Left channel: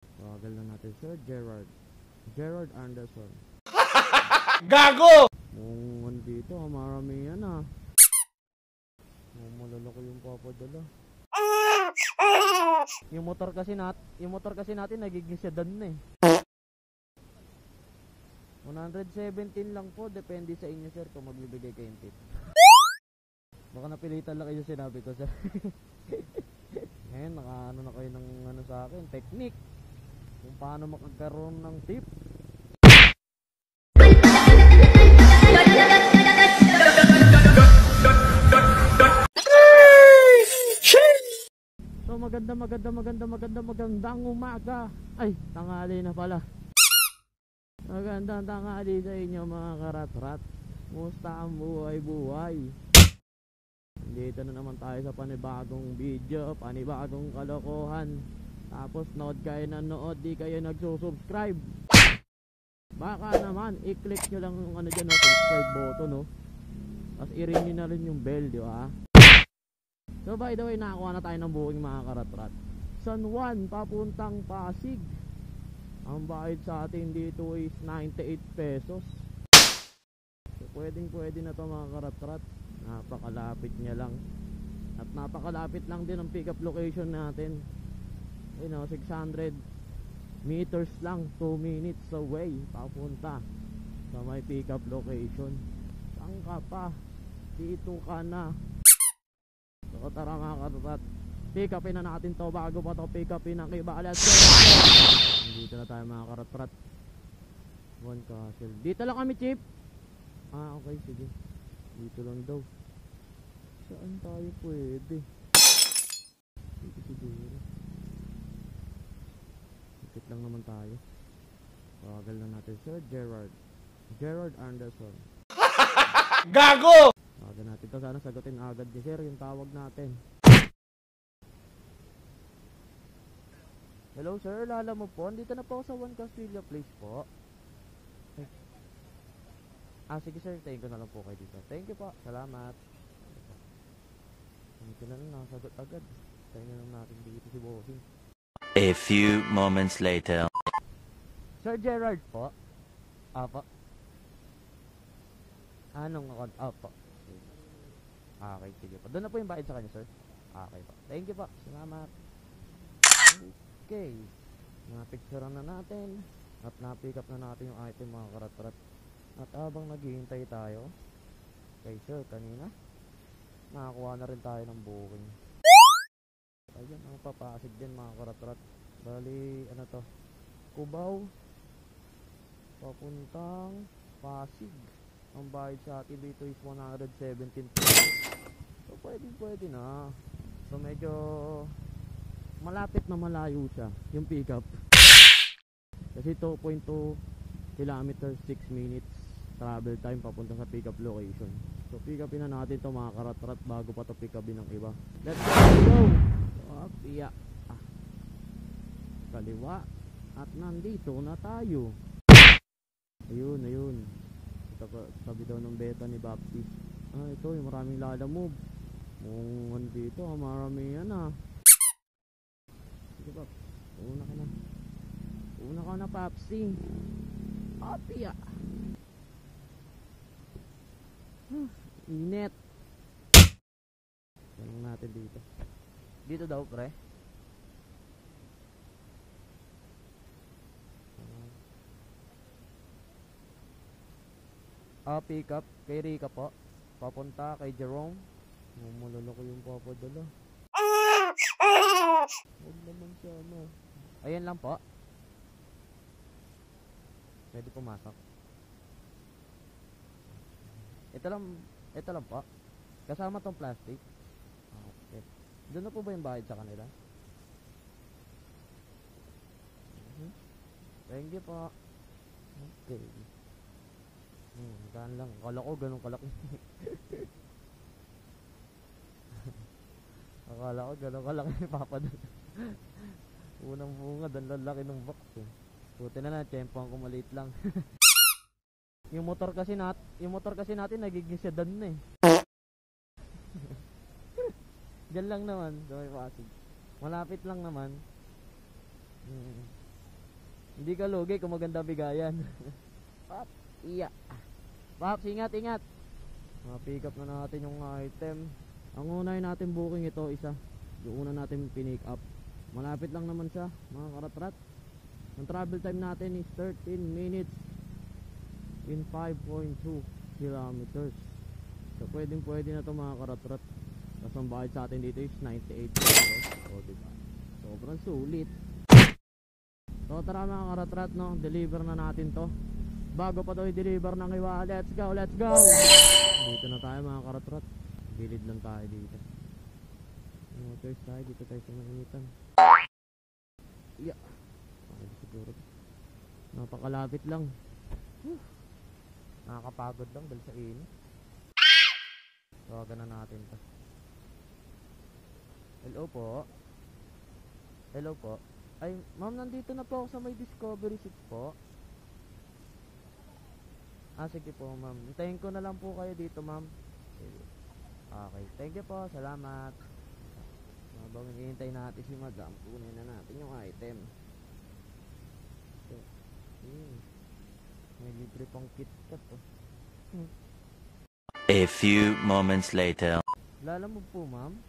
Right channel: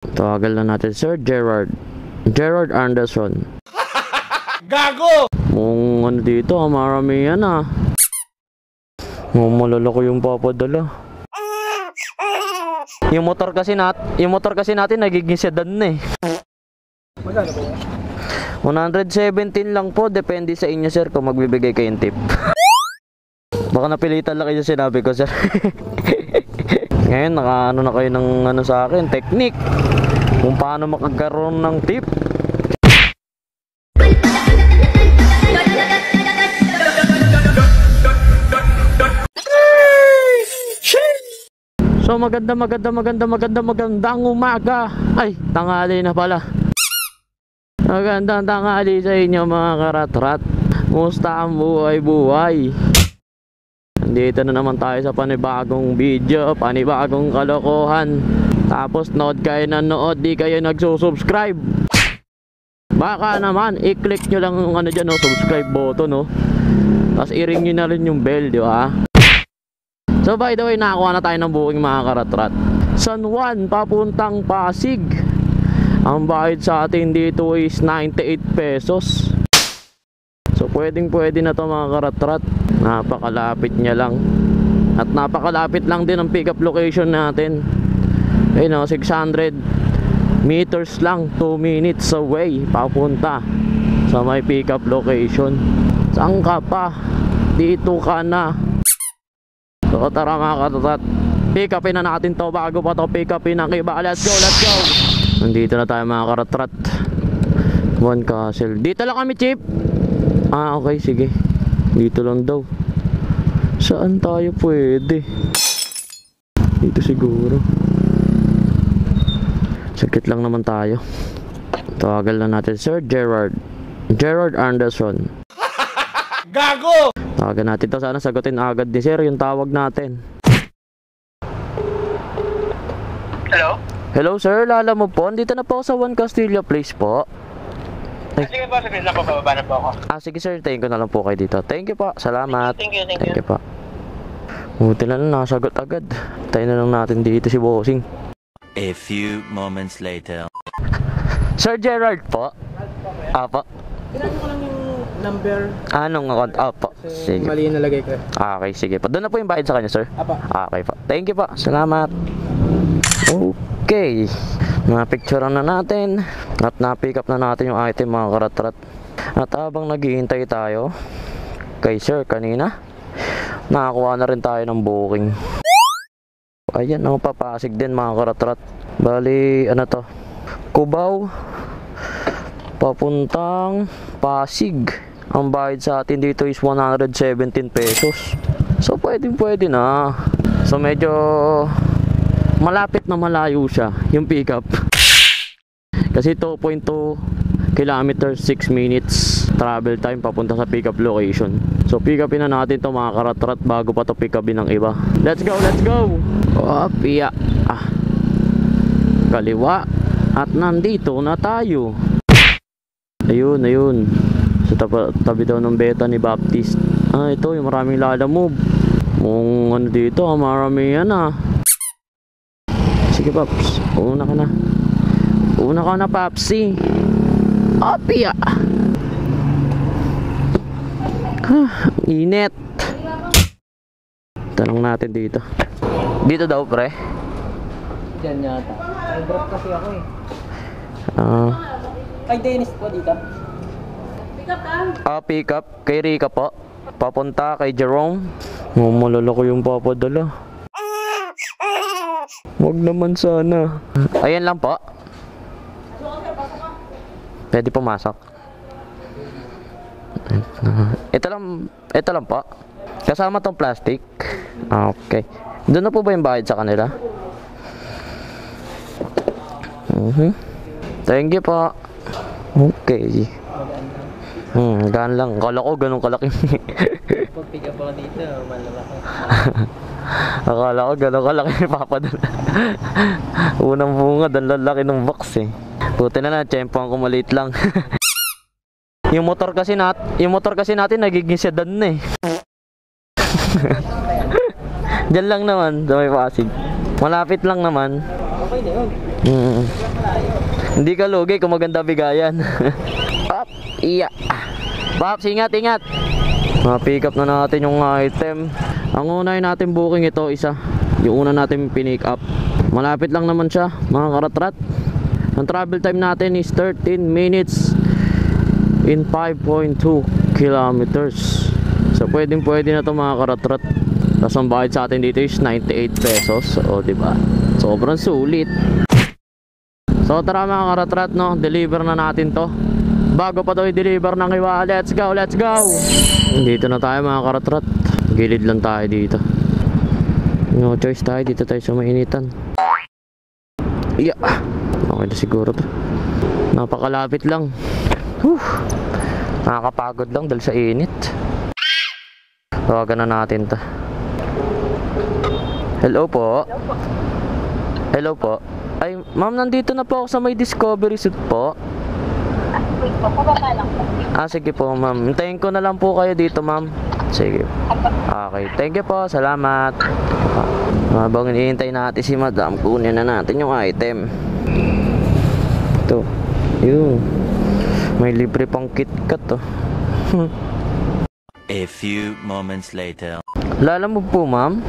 Tawagal na natin, Sir Gerard. Gerard Anderson. Gago! Kung ano dito, maramihan ah. Malalaki yung papadala. Yung motor kasi natin nagiging sedan na eh. Magkano po? 117 lang po, depende sa inyo sir kung magbibigay kayong tip. Baka napilitan lang kayo sinabi ko sir. Ngayon nakaano na kayo ng ano sa akin, technique kung paano makagkaroon ng tip. So magandang umaga. Ay, tanghali na pala. Magandang tanghali sa inyo mga karatrat. Musta ang buhay-buhay? Nandito na naman tayo sa panibagong video, panibagong kalokohan. Tapos nood kayo na nood, di kayo nagsusubscribe. Baka naman, i-click nyo lang yung ano dyan, no, subscribe button, no. Tapos i-ring nyo na rin yung bell, di ba? So by the way, nakakuha na tayo ng booking mga karatrat. San Juan, papuntang Pasig. Ang bayad sa atin dito is 98 pesos. So pwede na to mga karatrat. Napakalapit niya lang. At napakalapit lang din ang pick up location natin. Ayun o, 600 meters lang, 2 minutes away papunta sa may pick up location. Saan ka pa? Dito ka na. So tara mga karatrat, pick upin na natin to bago pa to pick upin ang iba. Let's go. Nandito na tayo mga karatrat. One Castle. Dito lang kami, Chip. Ah, okay, sige. Dito lang daw. Saan tayo pwede? Dito siguro. Sakit lang naman tayo. Tawagal na natin, Sir Gerard. Gerard Anderson. Gago! Tawagan natin to. Sana sagutin agad ni Sir yung tawag natin. Hello? Hello, Sir. Lala mo po. Dito na po ako sa One Castillo Place po. Sige po, sabihin lang po, bababa na po ako. Sige sir, tayin ko na lang po kayo dito. Thank you po, salamat. Thank you. Thank you po. Buti na lang, nakasagot agad. Tayo na lang natin dito si Bossing. A few moments later. Sir Gerard po. Apo. Kailangan ko lang yung number. Anong account? Apo. Sige. Mali yung nalagay ko. Okay, sige po. Doon na po yung bayad sa kanya, sir. Apa. Okay po. Thank you po, salamat. Okay, na-picturean na natin at na-pick up na natin yung item mga karatrat. At habang naghihintay tayo kay sir kanina, nakakuha na rin tayo ng booking. Ayan, ang papasig din mga karatrat. Bali, ano to? Cubao papuntang Pasig. Ang bayad sa atin dito is 117 pesos. So pwede na. So medyo malapit na malayo siya yung pick up. Kasi 2.2 kilometers, 6 minutes travel time papunta sa pick up location. So pick upin na natin to mga karatrat bago pa to pick upin ng iba. Let's go. Opya. Kaliwa. At nandito na tayo. Ayun. Sa tabi daw ng beta ni Baptist. Ito yung maraming lalamove. Kung ano dito, maramihan ah. Sige Paps, una ka na Papsi. Opya. Init. Tanong natin dito. Dito daw pre. Diyan yata. Ay, drop kasi ako eh. Kay Dennis po dito. Pick up kay Rika po. Papunta kay Jerome. Malalaki yung papadala. Wag naman sana. Ayan lang po. Pwede pumasok. Ito lang po. Kasama tong plastic. Okay. Doon na po ba yung bayad sa kanila? Thank you po. Okay. Gaan lang. Kala ko ganun kalaki. Pag pick up ako dito, malalaki. Akala ko gano'n kalaki papadala. Unang bungad, ang lalaki ng box eh. Buti na tiyempohan ko maliit lang. yung motor kasi natin nagiging sedan na eh. Diyan lang naman sa may Pasig. Malapit lang naman. Okay Okay na yun. Hindi ka lugi kung maganda bigayan. Pop, iya. Pop, ingat, ingat. Pick up na natin yung item. Ang unahin natin booking ito, isa. Yung una natin pinick up. Malapit lang naman siya, mga karatrat. Ang travel time natin is 13 minutes in 5.2 kilometers. So pwedeng pwede na to mga karatrat. Tapos ang bayad sa atin dito is 98 pesos. O diba? Sobrang sulit. So tara mga karatrat, no, deliver na natin to. Bago pa to i-deliver ng iba. Let's go, let's go. Dito na tayo mga karatrat. Gilid lang tayo dito. No choice tayo, dito tayo sa mainitan. Yeah. Okay na siguro to. Napakalapit lang. Nakakapagod lang dahil sa init. Tawagan na natin to. Hello po. Hello po. Ay, ma'am, nandito na po ako sa may Discovery Suite po. Wait po, pababa lang po. Sige po, ma'am. Hintayin ko na lang po kayo dito, ma'am. Sige. Okay, thank you po. Salamat. Habang hinihintay natin si madam, kunin na natin yung item. Ito. Yun. May libre pang KitKat, oh. A few moments later. Lalamove po, ma'am?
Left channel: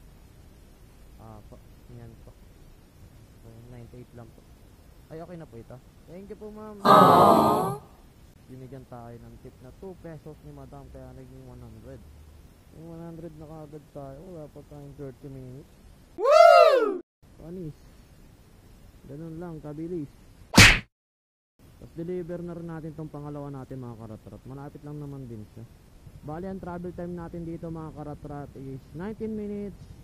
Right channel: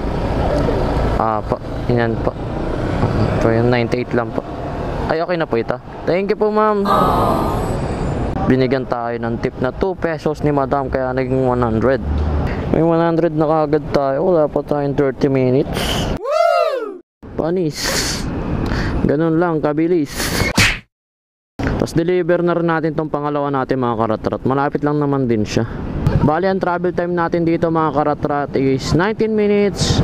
Po. Yan po. So, yung 98 lang po. Ay, okay na po ito. Thank you po, ma'am. Binigyan tayo ng tip na 2 pesos ni madam, kaya naging 100. May 100 na kagad tayo. Wala pa tayong 30 minutes. Panis. Ganun lang, kabilis. Tapos deliver na rin natin tong pangalawa natin mga karatrat. Malapit lang naman din siya. Bali ang travel time natin dito mga karatrat is 19 minutes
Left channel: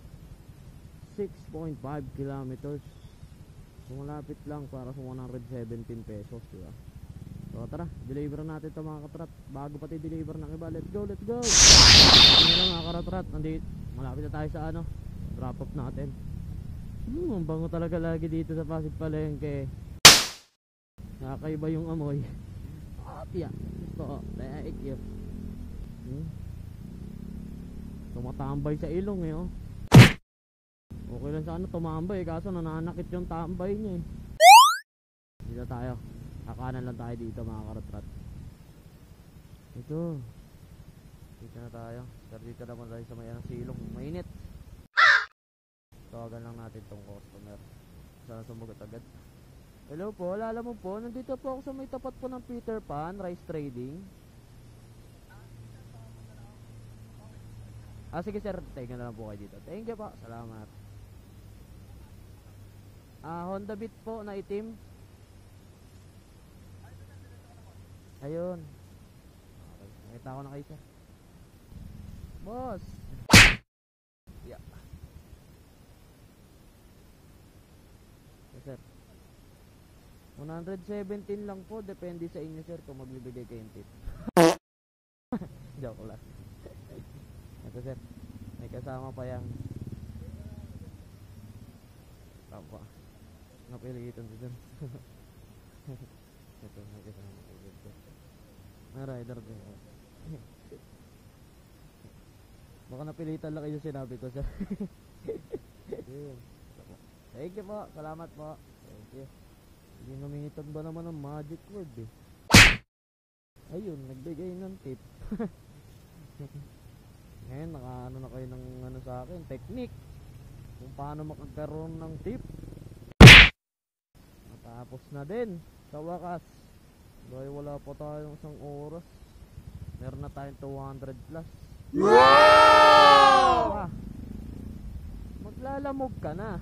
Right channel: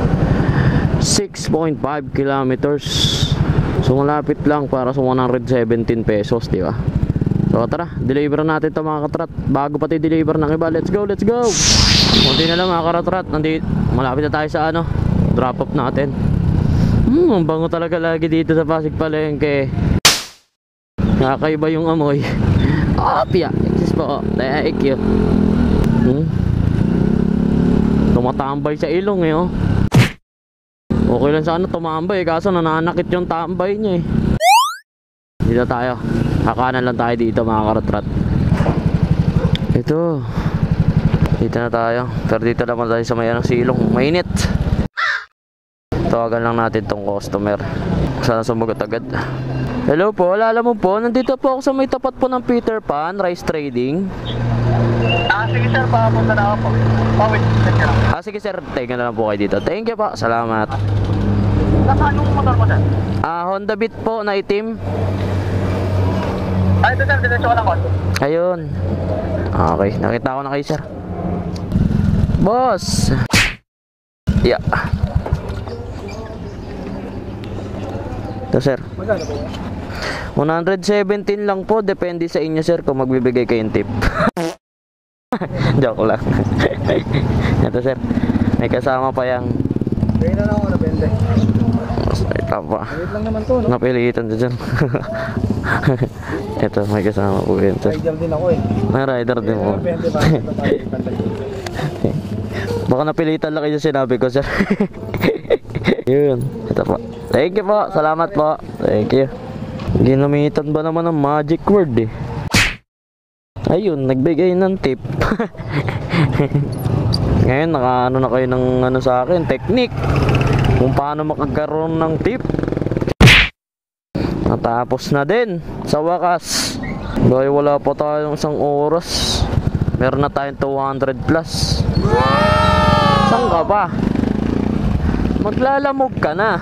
6.5 kilometers. So malapit lang para sa 117 pesos, di ba? So tara, deliver natin to mga katrat. Bago pati deliver ng iba, let's go, let's go. Hindi na lang mga karatrat. Malapit na tayo sa drop off natin. Ang bango talaga lagi dito sa Pasig Palengke. Nakakaiba yung amoy. Pia, excuse po. Thank you. Tumatambay sa ilong eh, oh. Okay lang sana tumambay, kaso nananakit yung tambay niya eh. Dito tayo. Kakanan lang tayo dito mga karatrat. Ito. Dito na tayo. Pero dito naman tayo sa may silong. Mainit. Tawagan lang natin tong customer. Sana sumagot agad. Hello po, alala mo po, nandito po ako sa may tapat po ng Peter Pan Rice Trading. Sige sir, papunta na ako po. Wait, Sige sir, tayo na lang po kayo dito. Thank you po, salamat. anong motor mo sir? Honda Beat po na itim. Ito sir, diretso ko lang konti. Ayun. Okay, nakita ko na kayo sir. Boss. Yeah. Ito sir. Magkano po yan? 117 lang po, depende sa inyo sir kung magbibigay kayong tip. Joke lang. Ito sir, may kasama pa yang. Kaya na lang ako na 20. Ito pa. Wait lang naman to, no? Napilitan dyan. Ito, may kasama po yun sir. Rider din ako eh. May rider din po. 20 ba? Ito tayo ipantay. Baka napilitan lang kayo sinabi ko sir. Yun, ito po. Thank you po, salamat po. Thank you. Ginamitan ba naman ng magic word eh. Ayun, nagbigay ng tip. Ngayon, nakaano na kayo ng sa akin, technique. Kung paano makagkaroon ng tip. Natapos na din, sa wakas. Dahil wala pa tayong 1 oras. Meron na tayong 200 plus. Saan ka ba? Maglalamog ka na.